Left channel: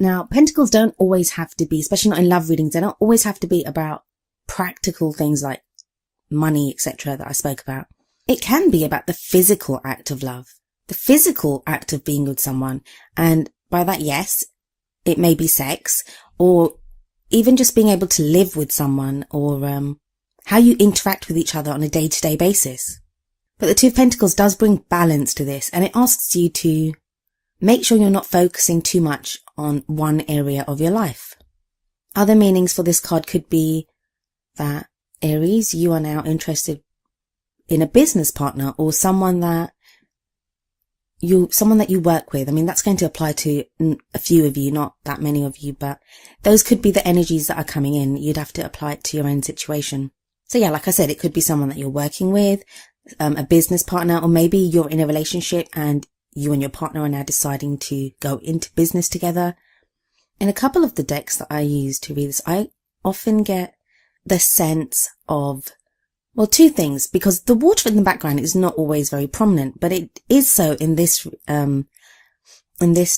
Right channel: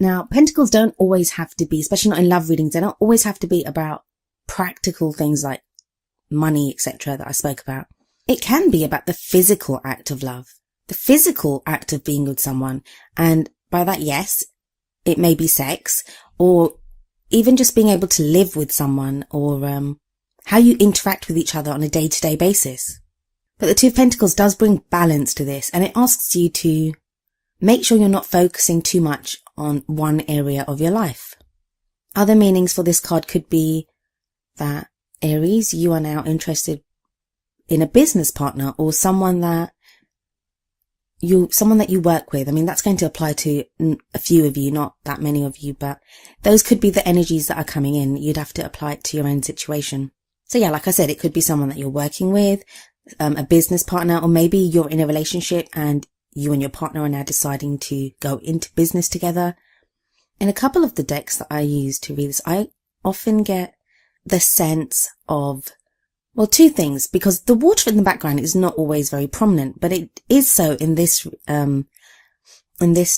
Now, pentacles don't always have to be, especially not in love readings, they don't always have to be about practical things like money, etc. that I spoke about. It can be about the physical act of love, the physical act of being with someone. And by that, yes, it may be sex, or even just being able to live with someone, or how you interact with each other on a day-to-day basis. But the Two of Pentacles does bring balance to this, and it asks you to make sure you're not focusing too much on one area of your life. Other meanings for this card could be that, Aries, you are now interested in a business partner or someone that you work with. I mean, that's going to apply to a few of you, not that many of you, but those could be the energies that are coming in. You'd have to apply it to your own situation. So yeah, like I said, it could be someone that you're working with, a business partner, or maybe you're in a relationship and you and your partner are now deciding to go into business together. In a couple of the decks that I use to read this, I often get the sense of, well, two things, because the water in the background is not always very prominent, but it is so in this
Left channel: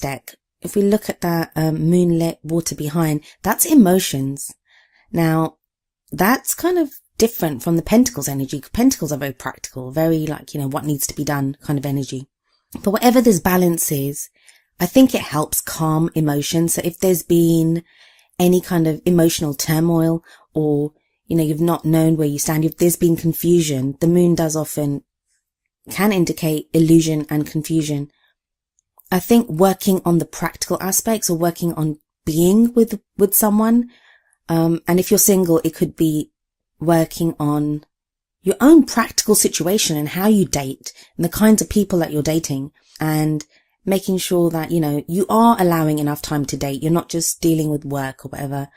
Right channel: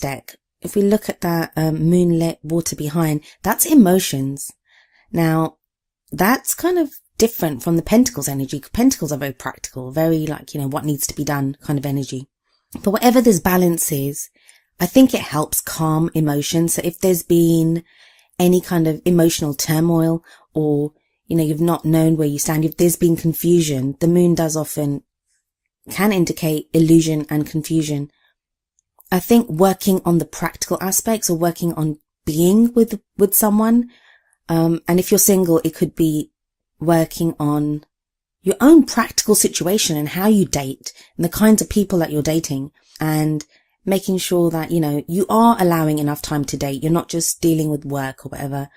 deck. If we look at that moonlit water behind, that's emotions. Now, that's kind of different from the Pentacles energy. Pentacles are very practical, very like, what needs to be done kind of energy. But whatever this balance is, I think it helps calm emotions. So if there's been any kind of emotional turmoil, or, you've not known where you stand, if there's been confusion, the moon can indicate illusion and confusion. I think working on the practical aspects, or working on being with someone, and if you're single, it could be working on your own practical situation and how you date and the kinds of people that you're dating, and making sure that, you are allowing enough time to date. You're not just dealing with work or whatever.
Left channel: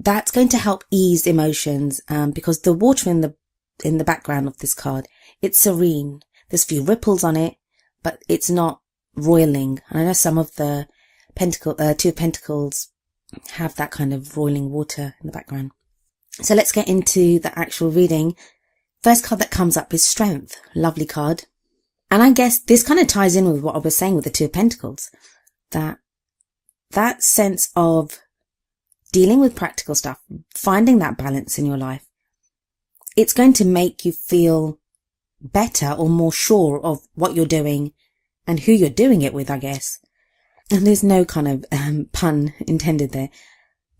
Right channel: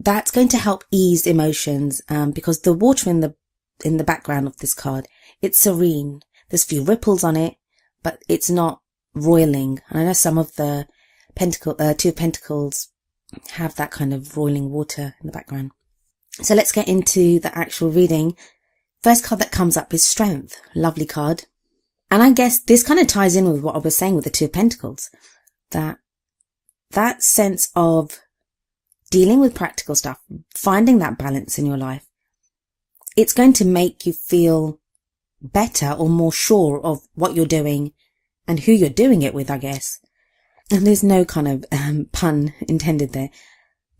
That's going to help ease emotions, because the water in the background of this card, it's serene. There's a few ripples on it, but it's not roiling. And I know some of the Two of Pentacles have that kind of roiling water in the background. So let's get into the actual reading. First card that comes up is Strength. Lovely card. And I guess this kind of ties in with what I was saying with the Two of Pentacles. That sense of dealing with practical stuff, finding that balance in your life, it's going to make you feel better or more sure of what you're doing and who you're doing it with, I guess. And there's no kind of pun intended there.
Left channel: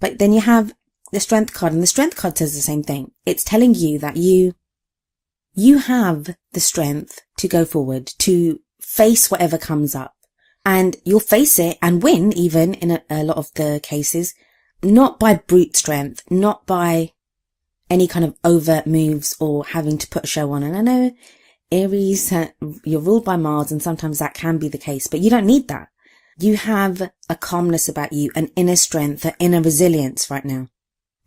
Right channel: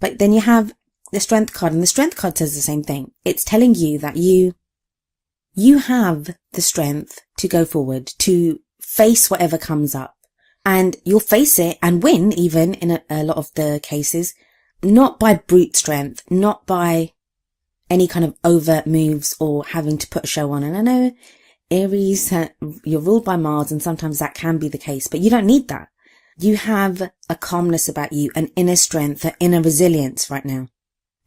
But then you have the Strength card, and the Strength card says the same thing. It's telling you that you have the strength to go forward, to face whatever comes up. And you'll face it and win, even in a lot of the cases, not by brute strength, not by any kind of overt moves or having to put a show on. And I know, Aries, you're ruled by Mars, and sometimes that can be the case, but you don't need that. You have a calmness about you, an inner strength, an inner resilience right now.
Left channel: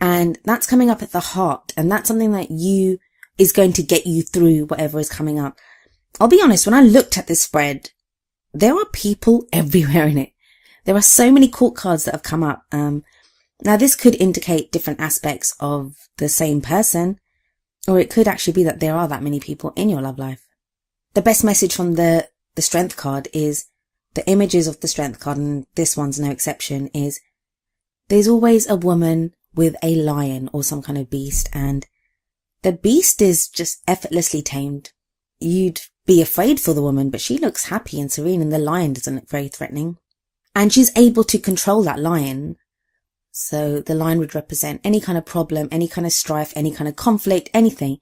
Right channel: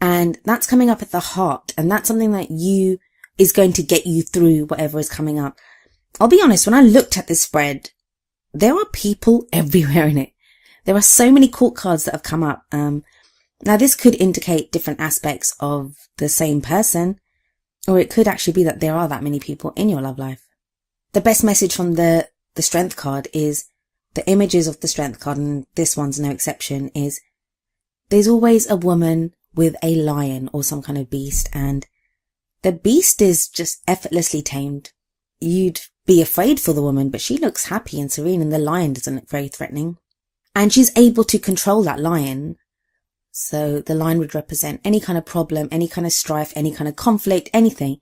And that's coming up at the heart, and that's something that is going to get you through whatever is coming up. I'll be honest, when I looked at this spread, there are people everywhere in it. There are so many court cards that have come up. Now, this could indicate different aspects of the same person, or it could actually be that there are that many people in your love life. The best message from the Strength card is, the images of the Strength card, and this one's no exception, is there's always a woman with a lion or some kind of beast, and the beast is just effortlessly tamed. You'd be afraid for the woman, but she looks happy and serene, and the lion doesn't look very threatening. And she's able to control that lion. So the lion would represent any kind of problem, any kind of strife, any kind of conflict, anything.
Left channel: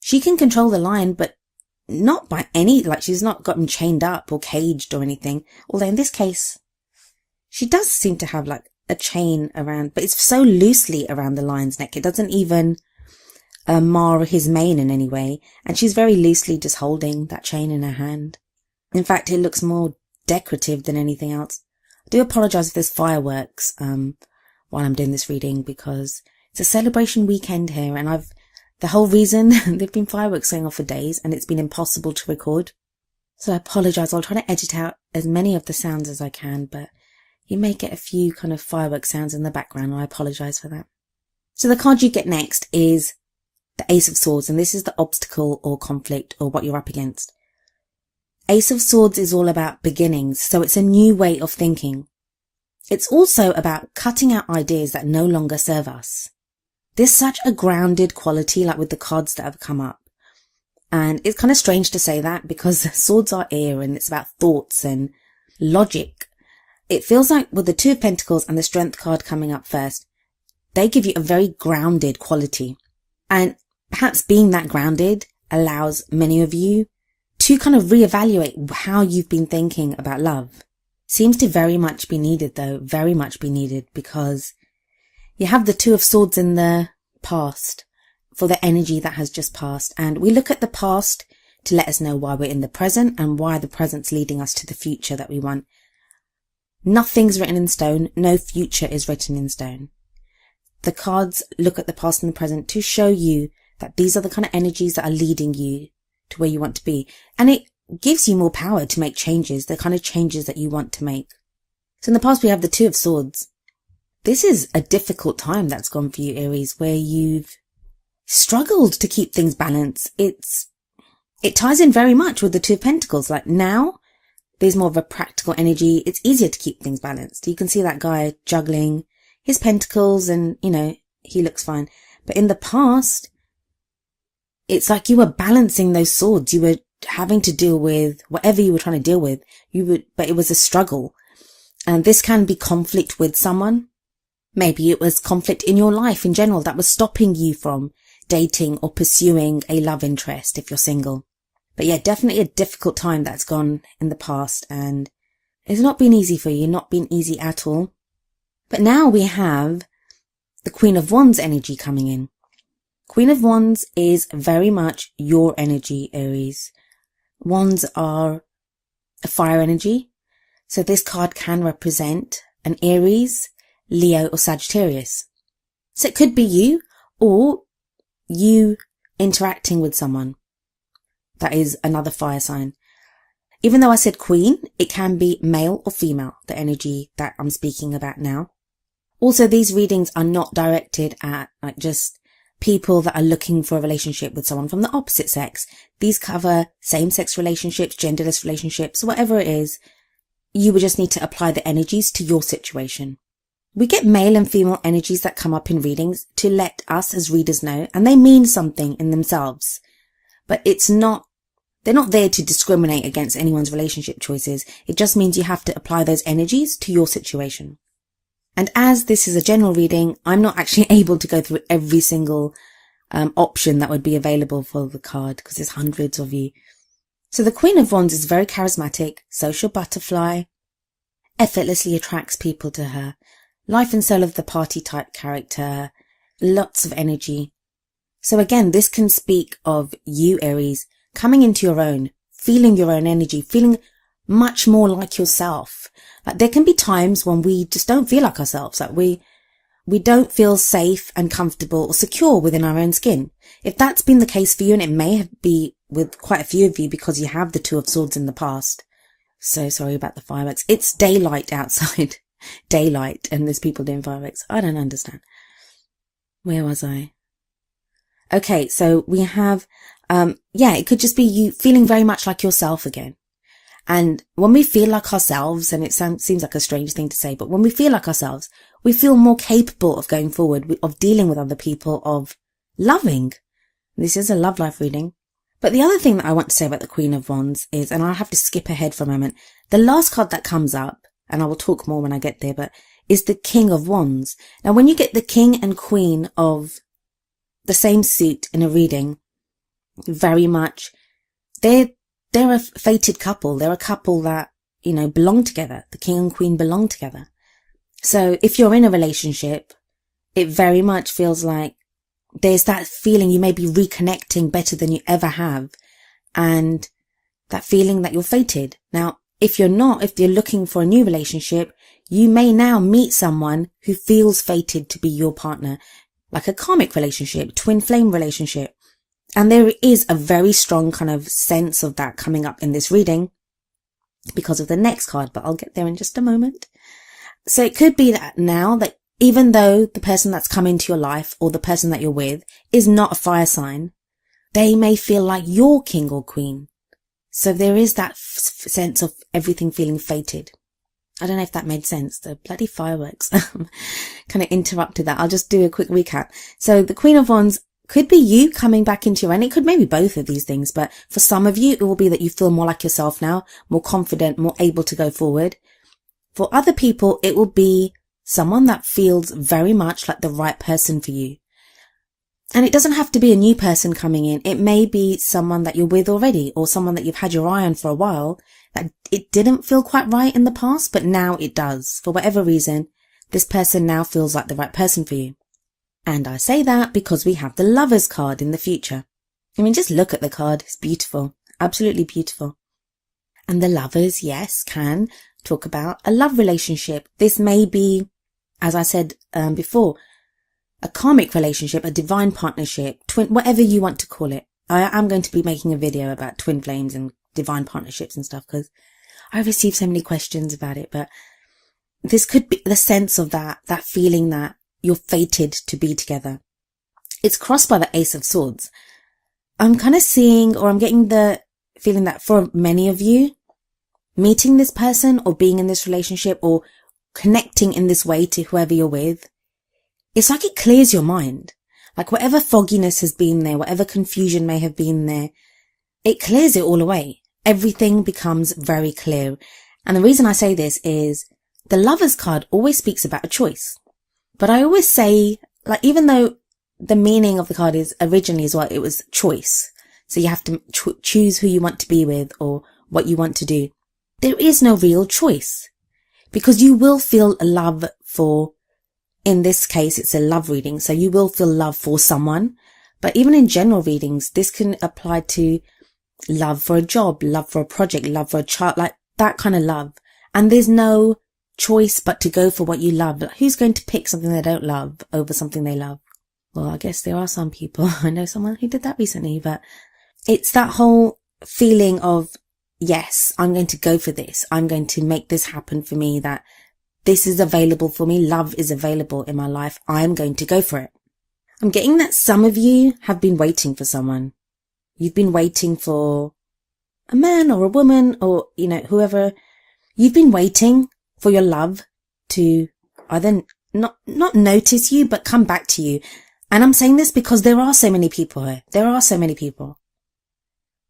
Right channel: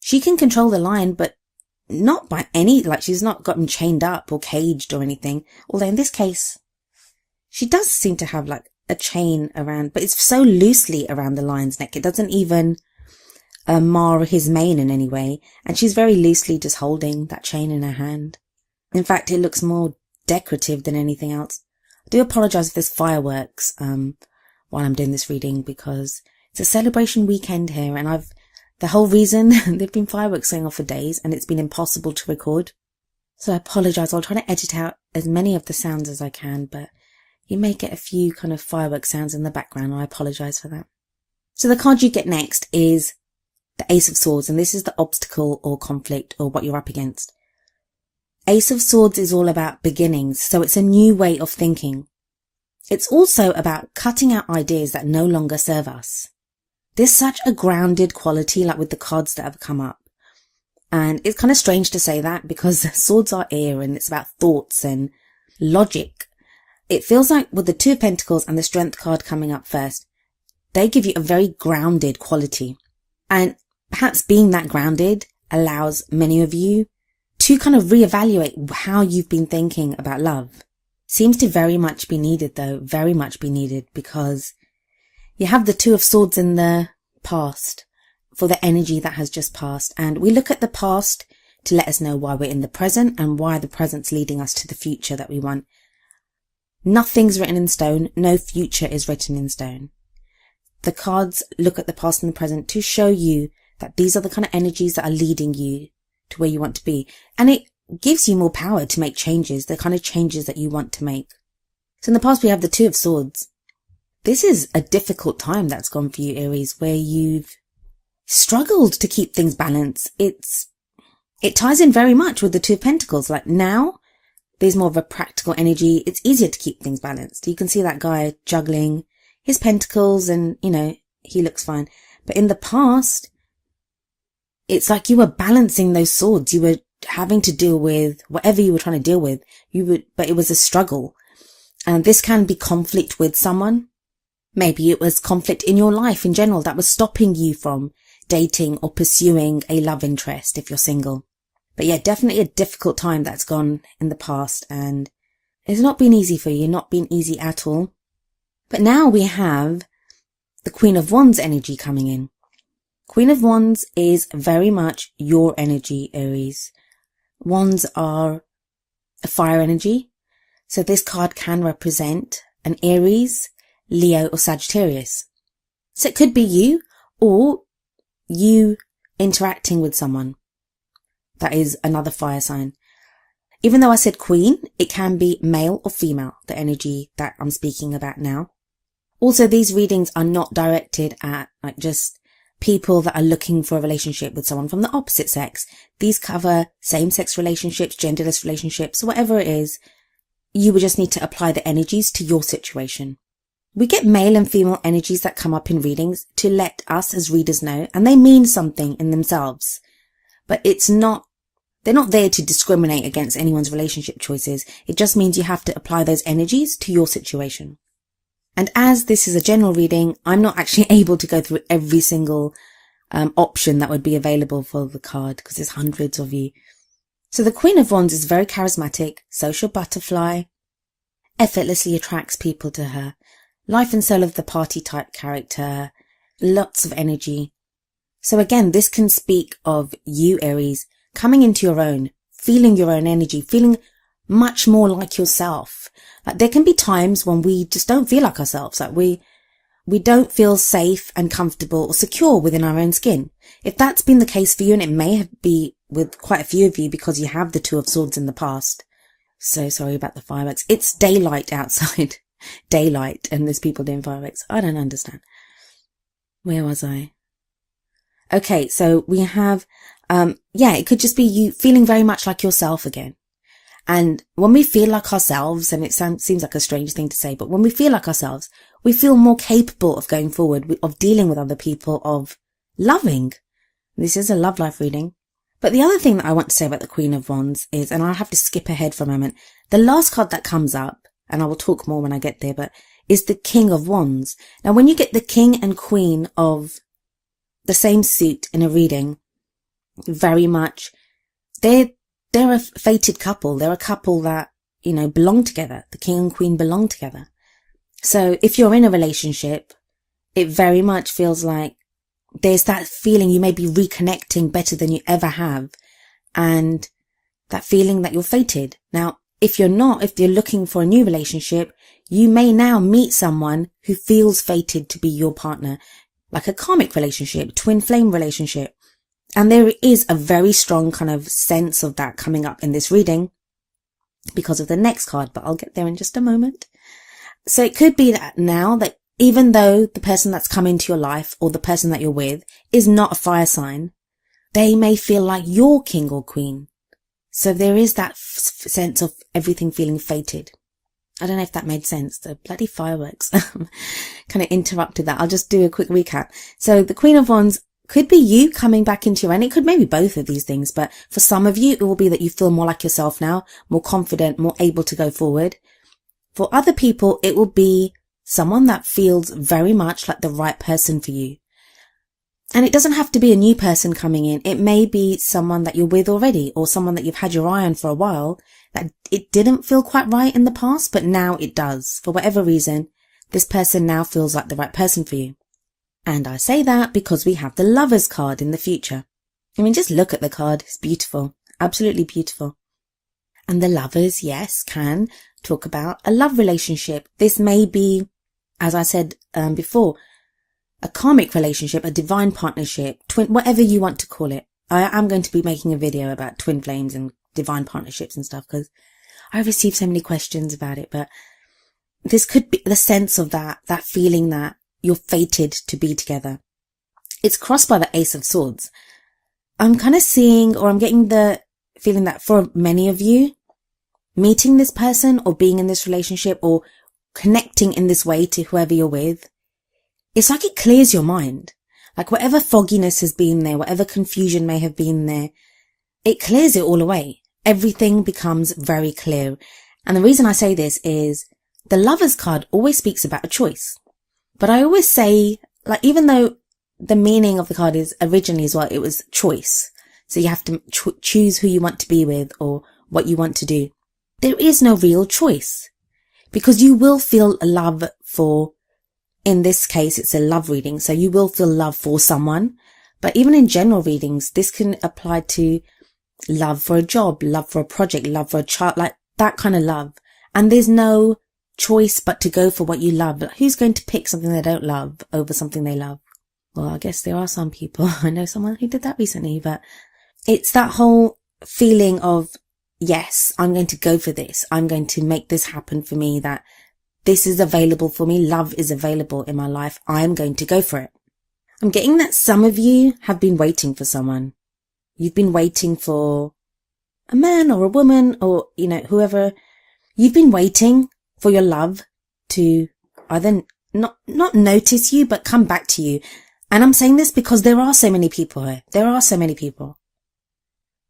She can control the lion, but not by she's not gotten chained up or caged or anything. Although in this case, she does seem to have like a chain around, but it's so loosely around the lion's neck. It doesn't even mar his mane in any way. And she's very loosely just holding that chain in her hand. In fact, it looks more decorative than anything else. I do apologize if there's fireworks while I'm doing this reading, because it's a celebration weekend here, and the whole reason there've been fireworks going off for days, and it's been impossible to record. So I apologize. I'll try to edit out as many of the sounds as I can, but you may get a few kind of firework sounds in the background, and I apologize for that. So the card you get next is the Ace of Swords, and this is the obstacle or conflict or what you're up against. Ace of Swords is all about beginnings, so it's a new way of thinking. It's also about cutting out ideas that no longer serve us. There's such a grounded quality, like with the cards that have come up. And it's kind of strange to say that because swords are air and it's about thoughts and logic. It feels like with the Two of Pentacles and the Strength card coming up first, they give you a very grounded quality. And perhaps being that grounded allows many of you to kind of reevaluate how you've been thinking about love. Seems to very much be needed though, very much be needed, because you have the Two of Swords in the past for the energy that has just passed. And we look at the past to let us know why we're in the present and why the present's leading us to the future that we want. Nothing's written in stone. No future is written in stone. The cards look at the past and the present to show you that these are the kind of energies that are leading you to where you want to be. And it gives you more power to make changes, the kind of changes that you want to make. So in the past, we have the Two of Swords. This is a difficult time that's gone for you, Aries, where you've struggled to keep things balanced. It ties in very much with the Two of Pentacles. Like now, there's more of a practical energy. It's easier to keep things balanced. You can see that guy juggling his pentacles and, he looks fine. But in the past, it's like you were balancing those swords. You were having to deal with whatever you were trying to deal with. But it was a struggle. This can be conflict with someone. Maybe it was conflict in your life in general that was stopping you from dating or pursuing a love interest if you're single. But yeah, definitely a difficult time that's gone in the past, and it's not been easy for you, not been easy at all. But now we have the Queen of Wands energy coming in. Queen of Wands is very much your energy, Aries. Wands are a fire energy. So this card can represent an Aries, Leo or Sagittarius. So it could be you or you interacting with someone that is another fire sign. Even though I said queen, it can be male or female, the energy that I'm speaking about now. Also, these readings are not directed at just people that are looking for a relationship with someone from the opposite sex. These cover same-sex relationships, genderless relationships, whatever it is. You would just need to apply the energies to your situation. We get male and female energies that come up in readings to let us as readers know, and they mean something in themselves. But they're not there to discriminate against anyone's relationship choices. It just means you have to apply those energies to your situation. And as this is a general reading, I'm not actually able to go through every single option that would be available for the card because there's hundreds of you. So the Queen of Wands is very charismatic, social butterfly, effortlessly attracts people to her, life and soul of the party type character, lots of energy. So again, this can speak of you, Aries, coming into your own, feeling your own energy, feeling much more like yourself. Like there can be times when we just don't feel like ourselves, like we don't feel safe and comfortable or secure within our own skin. If that's been the case for you, and it may be with quite a few of you because you have the Two of Swords in the past. So sorry about the fireworks. It's daylight outside. Daylight, and there's people doing fireworks. I don't understand. Where was I? Okay, so we have, it could just be you feeling very much like yourself again. And when we feel like ourselves, and it seems like a strange thing to say, but when we feel like ourselves, we feel more capable of going forward, of dealing with other people, of loving. This is a love life reading. But the other thing that I want to say about the Queen of Wands is, and I'll have to skip ahead for a moment, the last card that comes up, and I will talk more when I get there, but is the King of Wands. Now, when you get the King and Queen of the same suit in a reading, very much, they're a fated couple. They're a couple that, belong together. The King and Queen belong together. So if you're in a relationship, it very much feels like there's that feeling you may be reconnecting better than you ever have. And that feeling that you're fated. Now, if you're looking for a new relationship, you may now meet someone who feels fated to be your partner, like a karmic relationship, twin flame relationship. And there is a very strong kind of sense of that coming up in this reading because of the next card, but I'll get there in just a moment. So it could be that now that even though the person that's come into your life or the person that you're with is not a fire sign, they may feel like you're king or queen. So there is that sense of everything feeling fated. I don't know if that made sense. The bloody fireworks kind of interrupted that. I'll just do a quick recap. So the Queen of Wands could be you coming back into your own. It could maybe both of these things, but for some of you, it will be that you feel more like yourself now, more confident, more able to go forward. For other people, it will be someone that feels very much like the right person for you. And it doesn't have to be a new person coming in. It may be someone that you're with already, or someone that you've had your eye on for a while, that it didn't feel quite right in the past, but now it does. For whatever reason, this person now feels like the right person for you. And I say that because we have the Lovers card in the future. I mean, just look at the card. It's beautiful. Absolutely beautiful. And the Lovers, yes, can talk about a love relationship. This may be, as I said before, a karmic relationship, a divine partnership, whatever you want to call it. I am going to be making a video about twin flames and divine partnerships and stuff, because I received so many questions about it. But this could be the sense of that feeling that you're fated to be together. It's crossed by the Ace of Swords. I'm kind of seeing, or I'm getting the feeling that for many of you, meeting this person or being in this relationship or connecting in this way to whoever you're with, it's like it clears your mind. Like whatever fogginess has been there, whatever confusion may have been there, it clears it all away. Everything becomes very clear. And the reason I say this is the Lovers card always speaks about a choice. But I always say, like, even though the meaning of the card is originally is what it was choice. So you have to choose who you want to be with or what you want to do. There is no real choice, because you will feel love for, in this case, it's a love reading. So you will feel love for someone. But even in general readings, this can apply to love for a job, love for a project, love for a child, like that kind of love. And there's no choice but to go for what you love. But who's going to pick something they don't love over something they love? Well, I guess there are some people. I know someone who did that recently, but it's that whole feeling of, yes, I'm going to go for this. I'm going to make this happen for me, that this is available for me. Love is available in my life. I'm going to go for it. I'm getting that some of you have been waiting for someone. You've been waiting for a man or a woman or, you know, whoever. You've been waiting for your love to either not notice you, but come back to you. And I'm saying this because there are so many people here. There are so many people.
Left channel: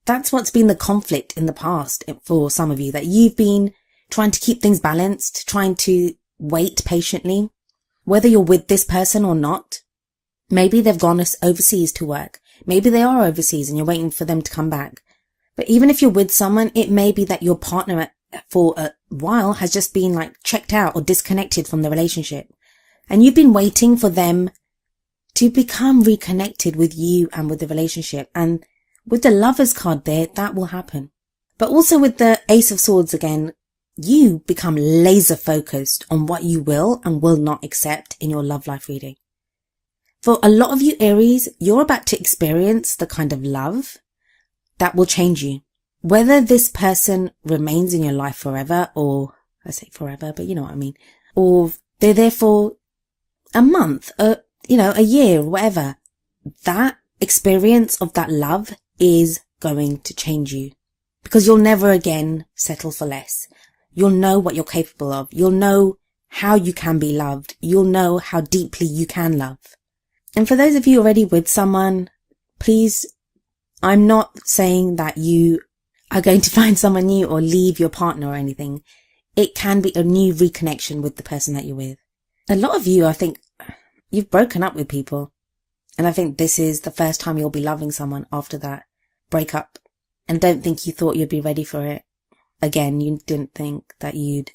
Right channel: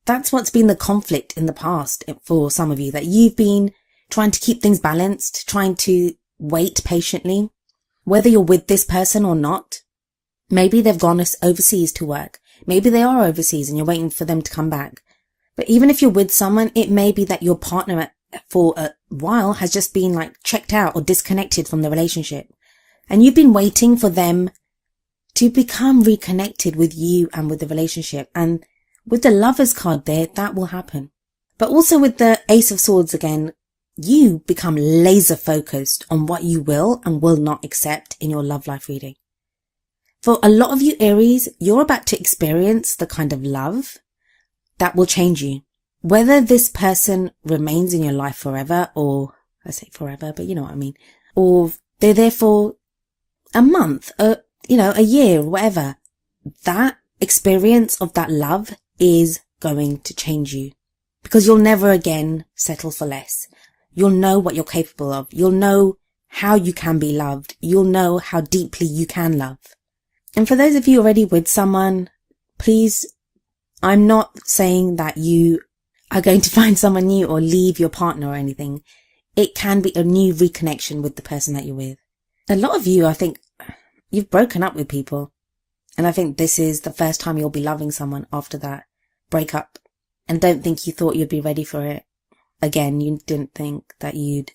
That's what's been the conflict in the past for some of you, that you've been trying to keep things balanced, trying to wait patiently, whether you're with this person or not. Maybe they've gone overseas to work. Maybe they are overseas and you're waiting for them to come back. But even if you're with someone, it may be that your partner for a while has just been like checked out or disconnected from the relationship. And you've been waiting for them to become reconnected with you and with the relationship. And with the Lovers card there, that will happen. But also with the Ace of Swords again, you become laser focused on what you will and will not accept in your love life reading. For a lot of you Aries, you're about to experience the kind of love that will change you. Whether this person remains in your life forever, or I say forever, but you know what I mean, or they're there for a month, a year, whatever, that experience of that love is going to change you, because you'll never again settle for less. You'll know what you're capable of. You'll know how you can be loved. You'll know how deeply you can love. And for those of you already with someone, please, I'm not saying that you are going to find someone new or leave your partner or anything. It can be a new reconnection with the person that you're with. A lot of you, I think, you've broken up with people. And I think this is the first time you'll be loving someone after that breakup. And don't think you thought you'd be ready for it again. You didn't think that you'd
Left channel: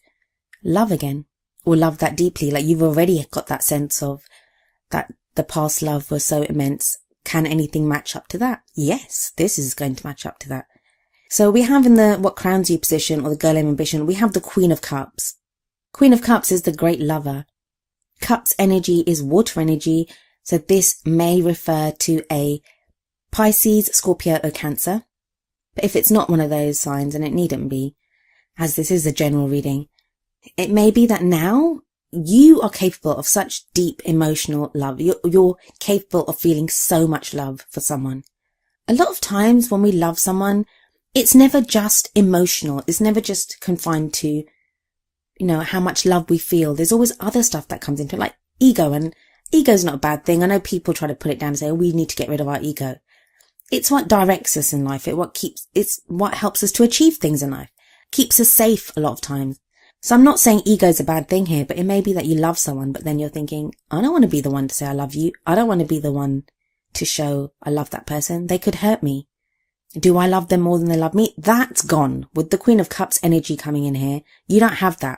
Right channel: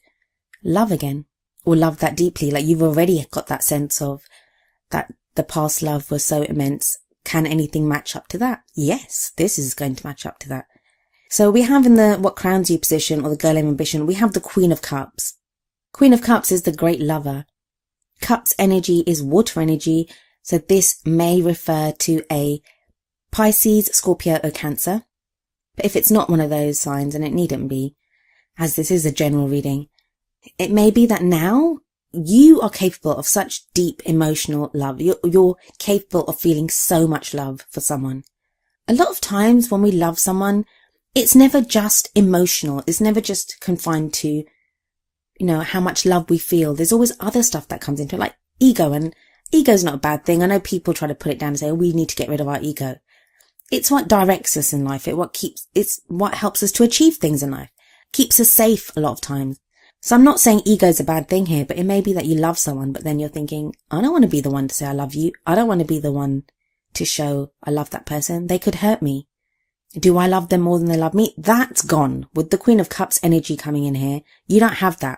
love again or love that deeply. Like, you've already got that sense of that the past love was so immense. Can anything match up to that? Yes, this is going to match up to that. So we have in the what crowns you position, or the girl of ambition, we have the Queen of Cups. Queen of Cups is the great lover. Cups energy is water energy. So this may refer to a Pisces, Scorpio or Cancer. But if it's not one of those signs, and it needn't be, as this is a general reading, it may be that now you are capable of such deep emotional love. You're capable of feeling so much love for someone. A lot of times when we love someone, it's never just emotional. It's never just confined to how much love we feel. There's always other stuff that comes into it, like ego. And ego's not a bad thing. I know people try to put it down and say, we need to get rid of our ego. It's what directs us in life. It's what helps us to achieve things in life. Keeps us safe a lot of times. So I'm not saying ego's a bad thing here, but it may be that you love someone, but then you're thinking, I don't want to be the one to say I love you. I don't want to be the one to show I love that person. They could hurt me. Do I love them more than they love me? That's gone. With the Queen of Cups energy coming in here, you don't have that.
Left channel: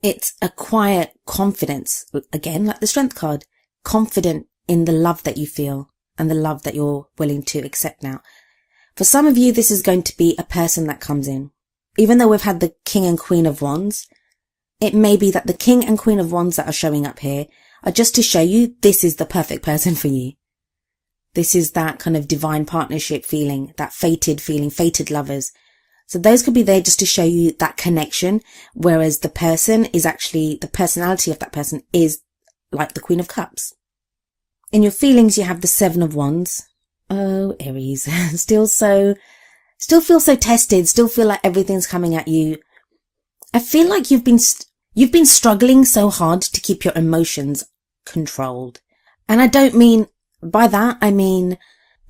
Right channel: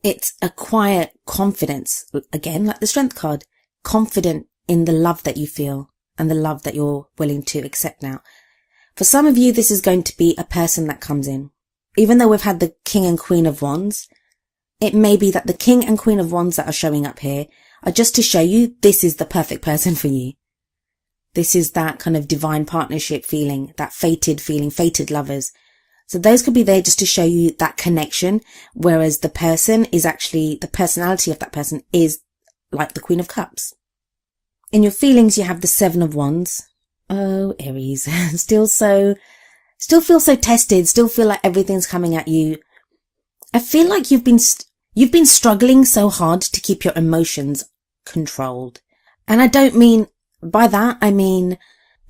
It's a quiet confidence. Again, like the Strength card. Confident in the love that you feel and the love that you're willing to accept now. For some of you, this is going to be a person that comes in. Even though we've had the King and Queen of Wands, it may be that the King and Queen of Wands that are showing up here are just to show you this is the perfect person for you. This is that kind of divine partnership feeling, that fated feeling, fated lovers. So those could be there just to show you that connection, whereas the person is actually, the personality of that person is like the Queen of Cups. In your feelings, you have the Seven of Wands. Oh, Aries, still feel so tested, still feel like everything's coming at you. I feel like you've been struggling so hard to keep your emotions controlled. And I don't mean, by that, I mean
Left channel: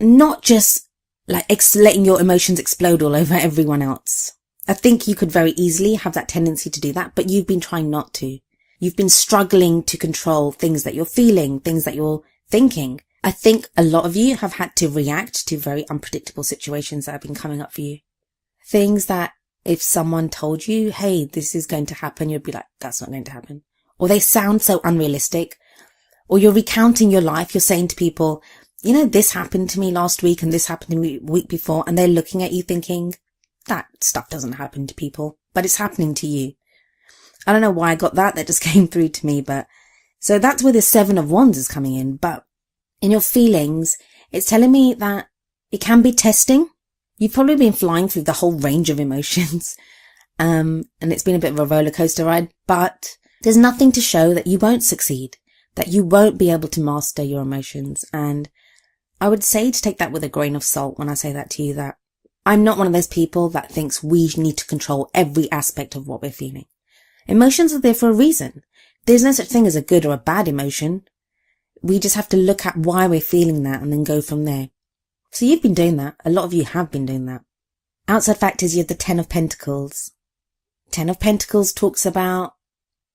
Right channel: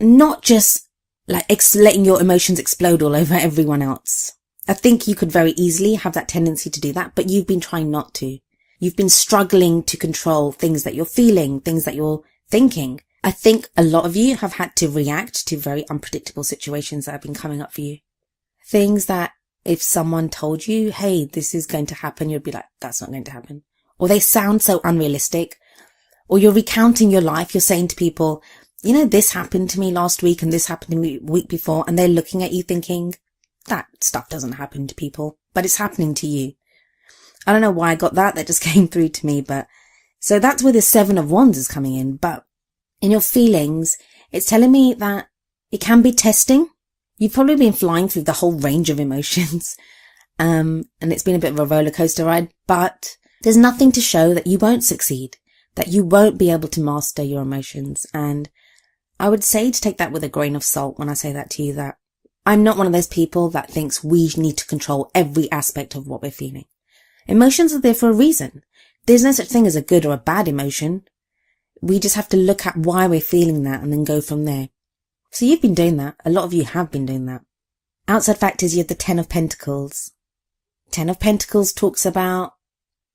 not just like letting your emotions explode all over everyone else. I think you could very easily have that tendency to do that, but you've been trying not to. You've been struggling to control things that you're feeling, things that you're thinking. I think a lot of you have had to react to very unpredictable situations that have been coming up for you. Things that if someone told you, hey, this is going to happen, you'd be like, that's not going to happen. Or they sound so unrealistic. Or you're recounting your life. You're saying to people, this happened to me last week and this happened to me the week before. And they're looking at you thinking, that stuff doesn't happen to people, but it's happening to you. I don't know why I got that. That just came through to me. But so that's where the Seven of Wands is coming in. But in your feelings, it's telling me that it can be testing. You've probably been flying through the whole range of emotions. And it's been a bit of a roller coaster ride, but there's nothing to show that you won't succeed, that you won't be able to master your emotions. And I would say to take that with a grain of salt when I say that to you, that I'm not one of those people that thinks we need to control every aspect of what we're feeling. Emotions are there for a reason. There's no such thing as a good or a bad emotion. We just have to look at why we're feeling that and then go from there. So you've been doing that. A lot of you have been doing that. Outside factors, you have the Ten of Pentacles. Ten of Pentacles talks about,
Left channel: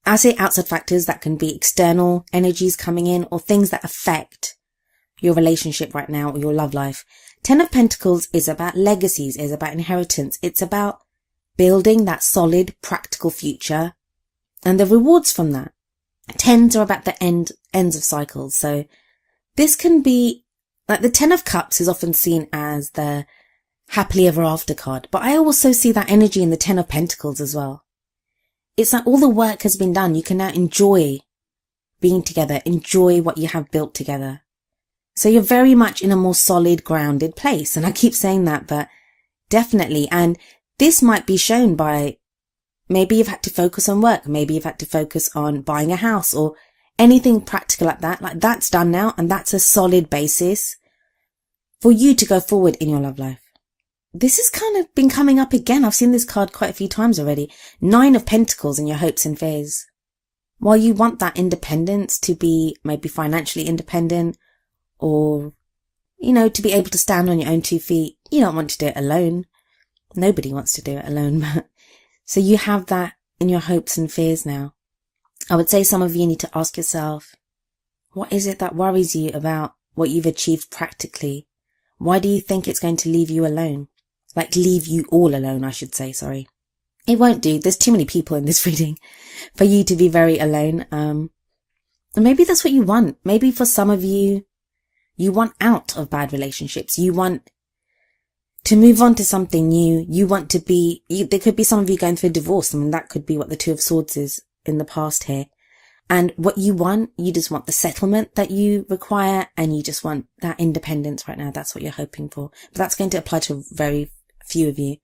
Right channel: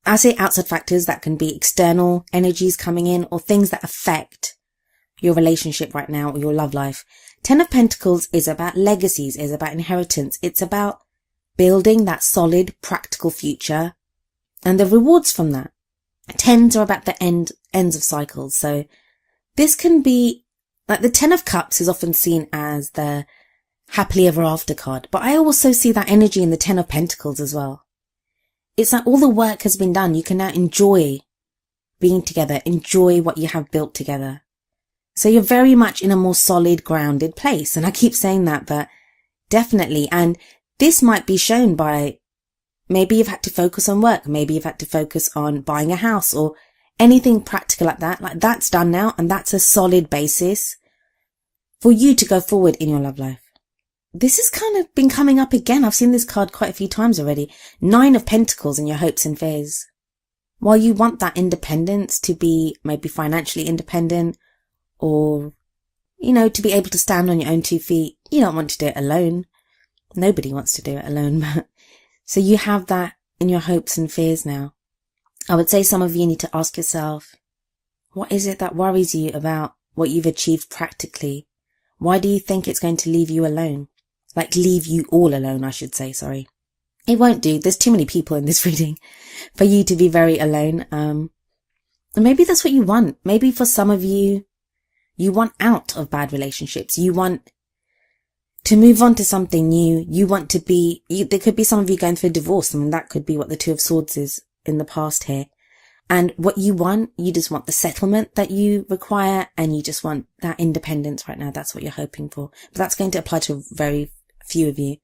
I say outside factors, that can be external energies coming in or things that affect your relationship right now or your love life. Ten of Pentacles is about legacies, is about inheritance. It's about building that solid, practical future and the rewards from that. Tens are about the ends of cycles. So this can be, like the Ten of Cups is often seen as the happily ever after card, but I also see that energy in the Ten of Pentacles as well. It's like all the work has been done. You can now enjoy being together, enjoy what you have built together. So you're very much in a more solid, grounded place. And I keep saying that, but definitely. And this might be shown by maybe you've had to focus on work. Maybe you've had to focus on buying a house or anything practical like that. Like that's done now. And that's a solid basis for you to go forward in your love life. This has kind of been coming up again. I've seen this card quite a few times already. Nine of Pentacles in your hopes and fears. While you want that independence to be maybe financially independent or, to be able to stand on your own 2 feet, you don't want to do it alone. Nobody wants to do it alone. So you have that in your hopes and fears now. I would say some of you need to ask yourself, what is it that worries you about what you've achieved practically? Why do you think it's going to leave you alone? Like leave you all alone, I should say, sorry. It won't do. There's too many people in this reading for you to be very alone. And maybe that's what you want. Maybe for some of you, you want out of bad relationships. You want to move on to something new. You want to be, there could be some of you going through divorce. I mean, that could be what the Two of Swords is in the past here. And what you want, you just want the settlement that you require and you just want that independence right now. That's what you're hoping for. But that's going to apply to very few of you.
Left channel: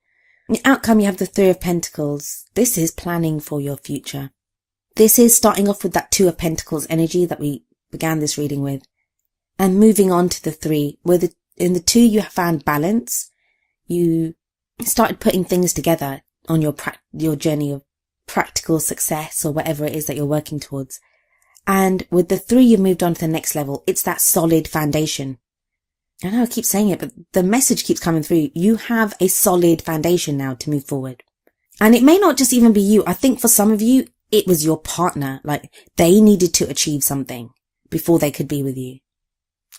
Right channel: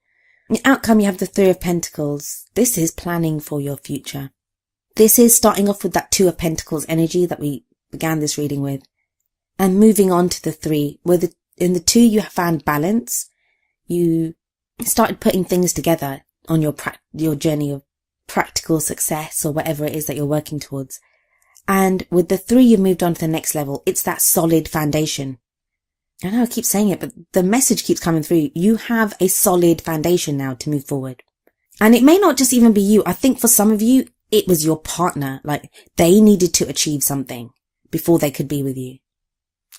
In the outcome, you have the Three of Pentacles. This is planning for your future. This is starting off with that Two of Pentacles energy that we began this reading with. And moving on to the Three, where in the Two you have found balance. You started putting things together on your journey of practical success or whatever it is that you're working towards. And with the 3, you've moved on to the next level. It's that solid foundation. I know I keep saying it, but the message keeps coming through. You have a solid foundation now to move forward. And it may not just even be you. I think for some of you, it was your partner. Like, they needed to achieve something before they could be with you.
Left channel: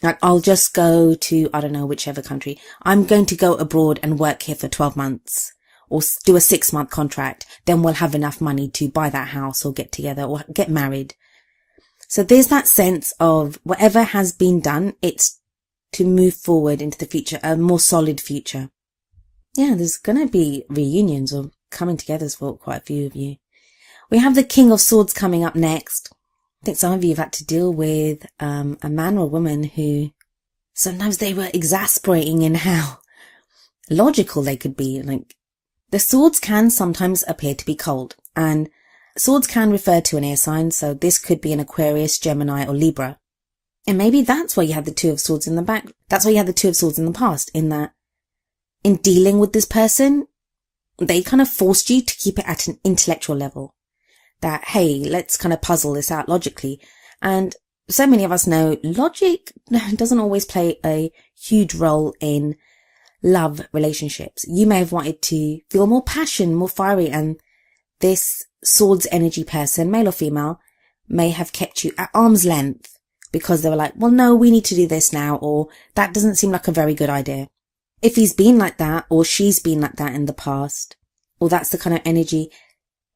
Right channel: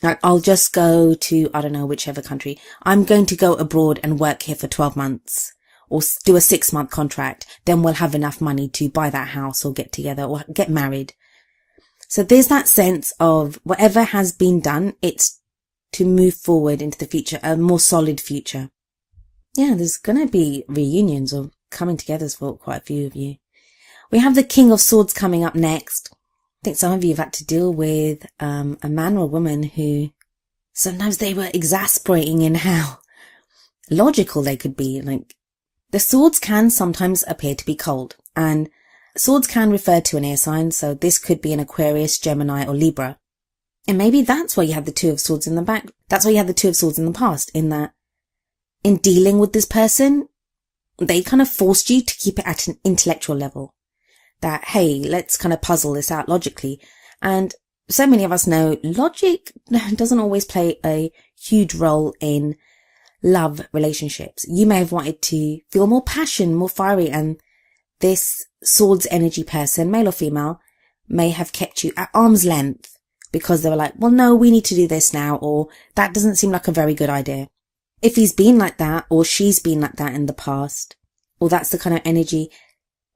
Like, I'll just go to, I don't know, whichever country. I'm going to go abroad and work here for 12 months or do a 6-month contract. Then we'll have enough money to buy that house or get together or get married. So there's that sense of whatever has been done, it's to move forward into the future, a more solid future. Yeah, there's going to be reunions or coming together for quite a few of you. We have the King of Swords coming up next. I think some of you have had to deal with a man or a woman who sometimes they were exasperating in how logical they could be. Like, the swords can sometimes appear to be cold, and swords can refer to an air sign, so this could be an Aquarius, Gemini or Libra. And maybe that's why you had the 2 of Swords in the back. That's why you had the 2 of Swords in the past, in that in dealing with this person, they kind of forced you to keep it at an intellectual level. That, hey, let's kind of puzzle this out logically. And so many of us know logic doesn't always play a huge role in love relationships. You may have wanted to feel more passion, more fiery, and this swords energy person, male or female, may have kept you at arm's length because they were like, well, no, we need to do this now, or that doesn't seem like a very good idea. If he's been like that, or she's been like that in the past, or that's the kind of energy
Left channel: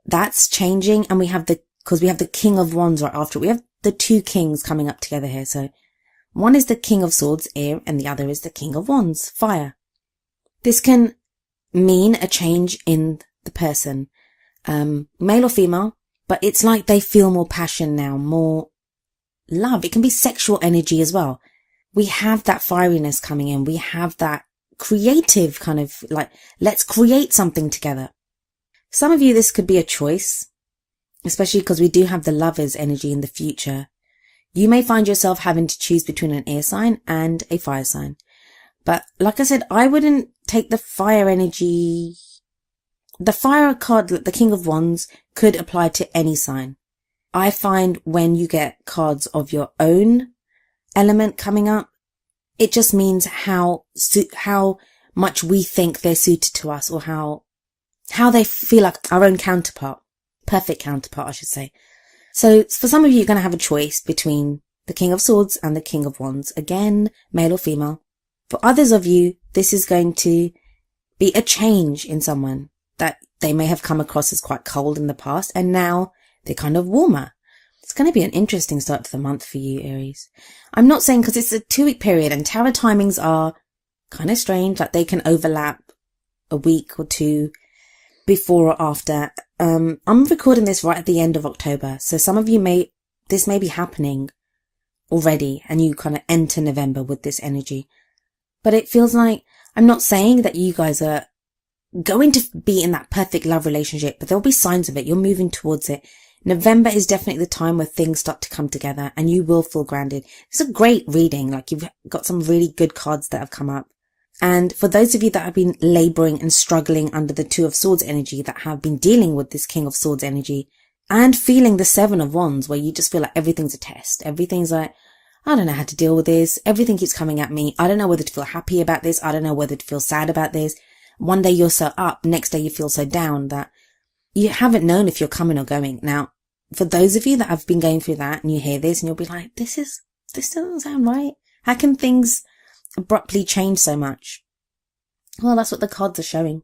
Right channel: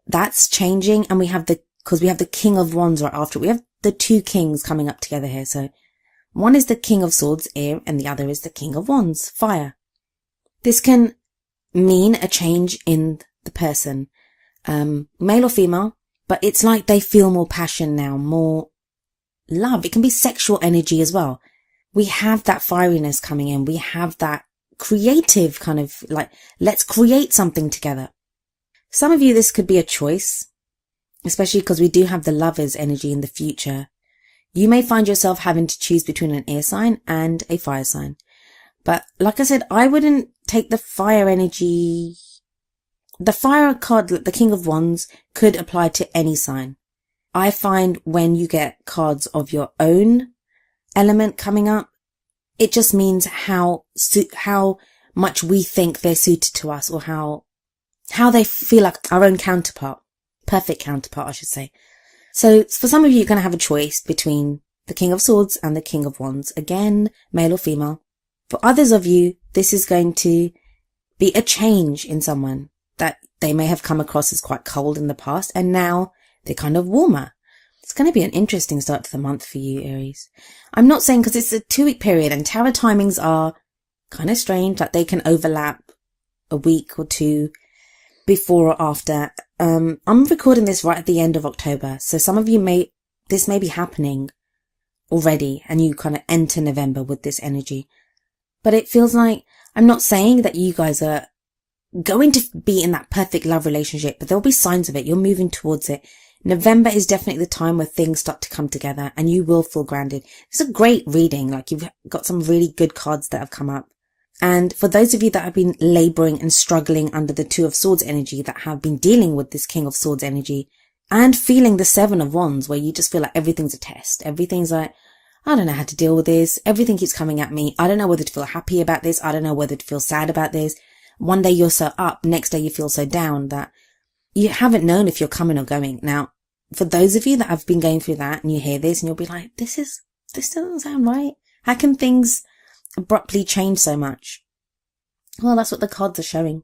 that's changing. And because we have the King of Wands right after. We have the 2 kings coming up together here. So one is the King of Swords, air, and the other is the King of Wands, fire. This can mean a change in the person, male or female, but it's like they feel more passion now, more love. It can be sexual energy as well. We have that fieriness coming in. We have that creative kind of like, let's create something together. Some of you, this could be a choice, especially because we do have the Lovers energy in the future. You may find yourself having to choose between an air sign and a fire sign. But like I said, I wouldn't take the fire energy. The fire card, the King of Wands, could apply to any sign. I find when you get cards of your own element coming up, it just means how much we think they're suited to us, or how they feel like our own counterpart. Perfect counterpart, I should say. So for some of you, you're going to have a choice between the King of Swords and the King of Wands. Again, male or female. For others of you, this is going to be a change in someone that they may have come across as quite cold in the past, and now they're kind of warmer. It's going to be an interesting start to the month for you, Aries. I'm not saying, because it's a 2-week period and tarot timings are kind of strange, like they can overlap a week or 2 before or after. I'm recording this right at the end of October, so some of you this may be happening already and you kind of enter November with this energy. But it feels like, I'm not saying that you guys are going to be in that perfect love relationship, but there'll be signs of it. You're moving towards it. November is definitely the time where things start to come together and you will feel grounded. It's a great reading. Like, you've got some really good cards that have come up. And for those of you that have been laboring and struggling under the 2 of Swords energy, that have been dealing with this King of Swords energy and feeling the 7 of Wands, where you just feel like everything's a test. Everything's like, I don't know how to deal with this. Everything keeps coming at me. I don't know whether to feel happy about this. I don't know whether to feel sad about this. One day you're so up, next day you feel so down that you haven't known if you're coming or going. Now, for those of you that have been going through that and you hear this and you'll be like, this doesn't sound right. How can things abruptly change so much? Well, that's what the cards are showing.